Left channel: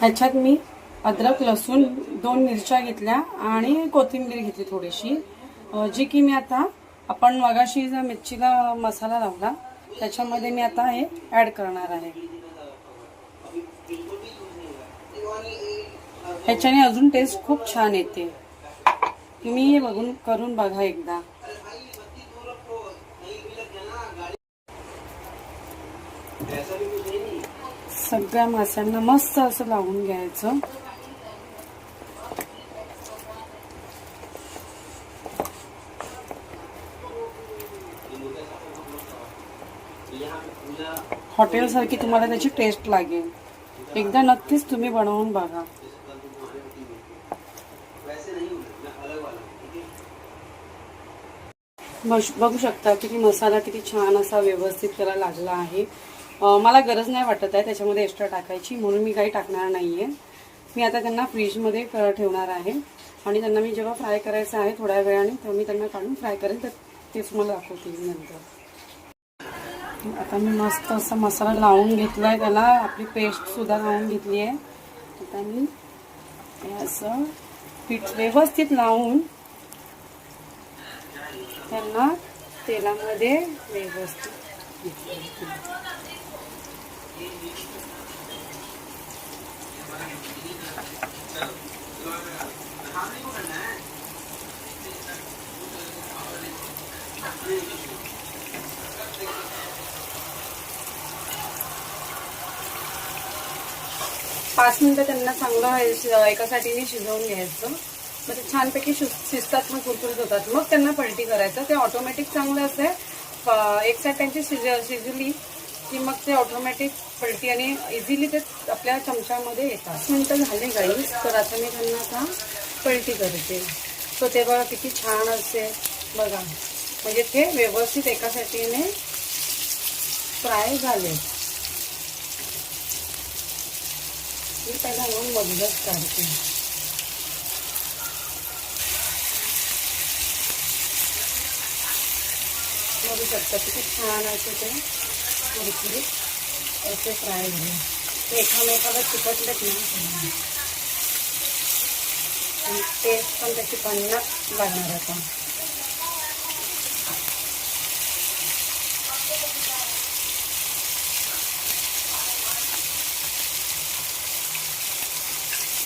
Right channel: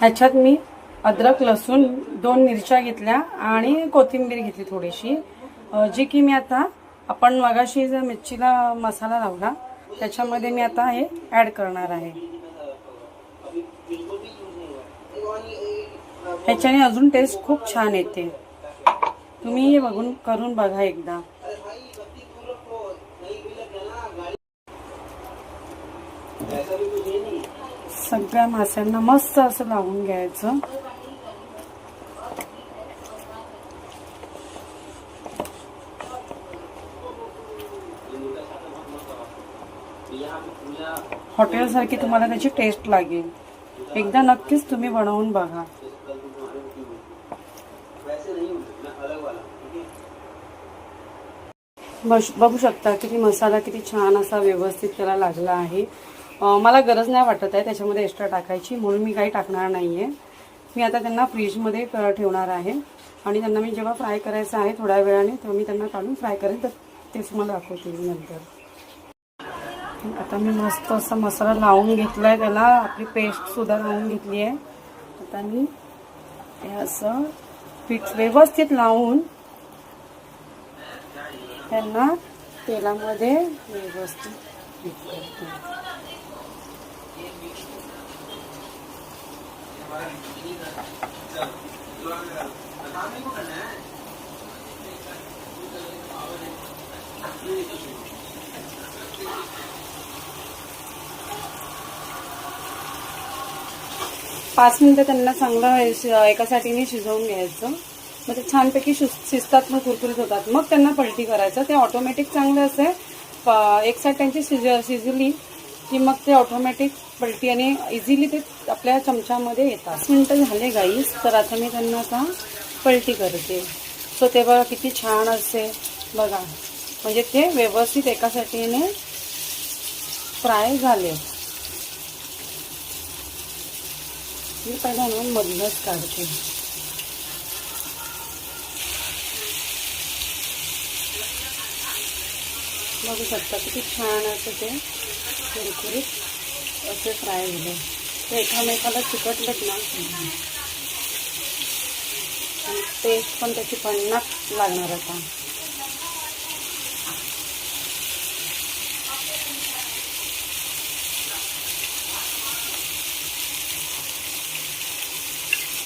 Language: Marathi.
ह्याच्यात मी अद्रक लसूण 2 मिरच्या घेतल्या आणि कोथिंबीर घेतली थोडीशी, जी की मी आता आपण मगाशी जो मिरचीला मसाला लावला त्याच्यामध्ये मी आता हे ऍड करणार आहे। ह्याच्याने अजून टेस्ट खूप छान येते। तुम्ही हे बघून करून बघा एकदा। सगळ्या माशांना मस्त असं लावून घ्यायचं। हॉटेल सारखी तुम्हाला त्याची टेस्ट लागेल। एकदा नक्कीच तुम्ही बनवून बघा। बघू शकता किती मसाला किती छान असा व्यवस्थित त्याला लागला आहे। मला गरज नाही वाटत आहे त्याच्यामध्ये एक्स्ट्रा टाकायची, म्हणून मी काही टाकणार नाहीये। मी आता त्यांना फ्रीजमध्ये ठेवणार आहे आणि त्यांना मी जेव्हा फ्राय करायचं आहे थोड्या वेळाने तेव्हा मी त्यांना काढून फ्राय करेन, तर तेच मला दाखवते नंतर। आता मी मस्त असा मसाला लावून घेतलाय, त्याला आपली पेस्ट सुद्धा लावून घेतली आहे। आता मी हे असं पीठ व्यवस्थित लावून त्यांना तेलामध्ये व्यवस्थित करते। 5 मिनिटं त्यांना चांगलं एका साईडने शिजवून घ्यायचं। मग ते छानपैकी शिजतात, मग कुरकुरीत होतात। मग त्यांना पलटी करायचं, ते ऑटोमॅटिक चांगलं असे एक साईड त्यांची शिजली की मग ते ऑटोमॅटिक पलटी आणि इझिली ते आपल्या चमच्यामध्ये येतात। 5 मिनिटं झाले गाईस, तर आता मी त्यांना आता पलटी करते। सो ते बघा किती छान असे बघा, म्हणजे ते व्यवस्थित एका साईडने फ्राय झाले। मी पहिला येऊन मधूनच काढते। बघू शकता किती छान असे ते कुरकुरीत असे फ्राय झाले। ते एकामेकाला चिकटलेत ना, टेस्ट पण त्याची पन्नास लागणार आता।